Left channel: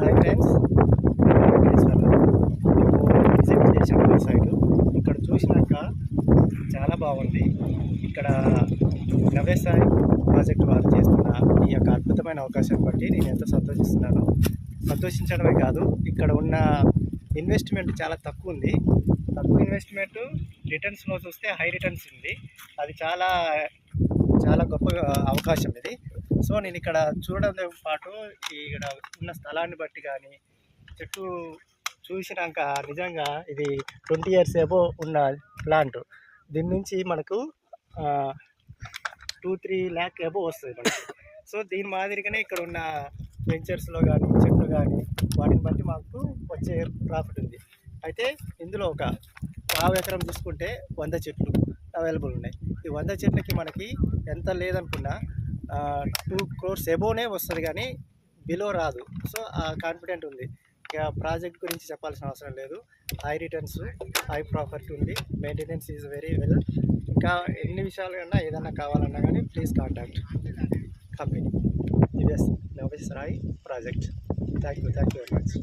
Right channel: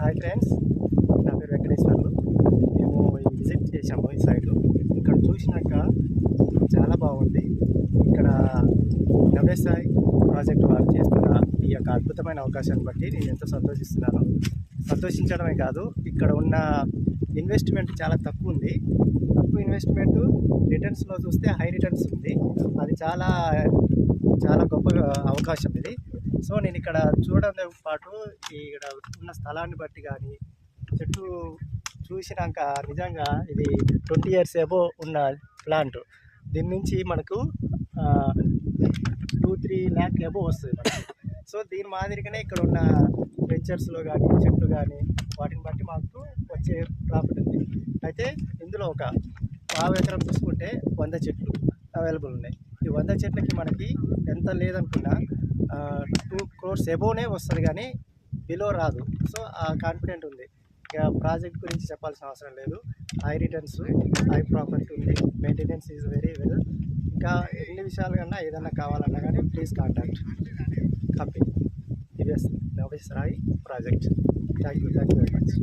Hi friends, Venkateswarlu. మేము visit చేసాము ఈ సైటు. ఇక్కడ చూసినాక చాలా బాగుంది. ఇక్కడ నవ్యసాయి ప్రాజెక్టు వారు చేస్తున్న ఈ యొక్క అద్భుతమైన అవకాశాన్ని బట్టి నేను ఎంతో సంతోషిస్తున్నాను. సంతోషించడమే కాదు, ఇక్కడ ఉన్న ఇన్వెస్ట్మెంట్ చాలా తక్కువ ఉంది. తక్కువ ఇన్వెస్ట్మెంట్, రిటర్న్స్లో చూస్తే హై రిటర్న్స్ ఉంది. అది చాలా చాలా గొప్ప అవకాశం ఇది. సో నేను ఇక్కడ చూడడంతో పాటు ఇక్కడ ఉన్న స్థలాన్ని బట్టి కానీ చెట్టు చూసినాక నిజంగా ఇది 20 years ఏబో ఉన్న ప్లాంట్. దీని నుంచి మనకు 2-3 lakh ఏబో వస్తుంది మనకి. సో దీని మాదిరిగానే ఇక్కడ ఉన్న వెంచర్స్లో కానీ చెట్లు కానీ వాటిని బట్టి మాకు వచ్చే ప్రాఫిట్ ఉంది. అయితే ఇందులో ఒక 1/2 ఎకరం చూసుకుంటే 100 చెట్లు అవైలబుల్ ఉన్నాయి. ఈ 100 చెట్లకి మనకి ఎంత లేదనుకున్నా 2 crores ఎబోనే వస్తుంది, కానీ బిలో రాదు. సో ఆ కాన్ఫిడెంట్ ఉంది. ఇక ప్రాజెక్ట్ గురించి చెప్పాల్సిన అవసరం లేదు. హై రిటర్న్స్, హై ప్రాఫిట్ ఉంది. Maintenance is very well. ఇంకా ఎన్ని విషయాలు కన్నా ఏదన్నా కావాలన్నా కానీ ప్లీజ్ కాంటాక్ట్ కంపెనీ. ఇదే Navyasai project. Thank you very much.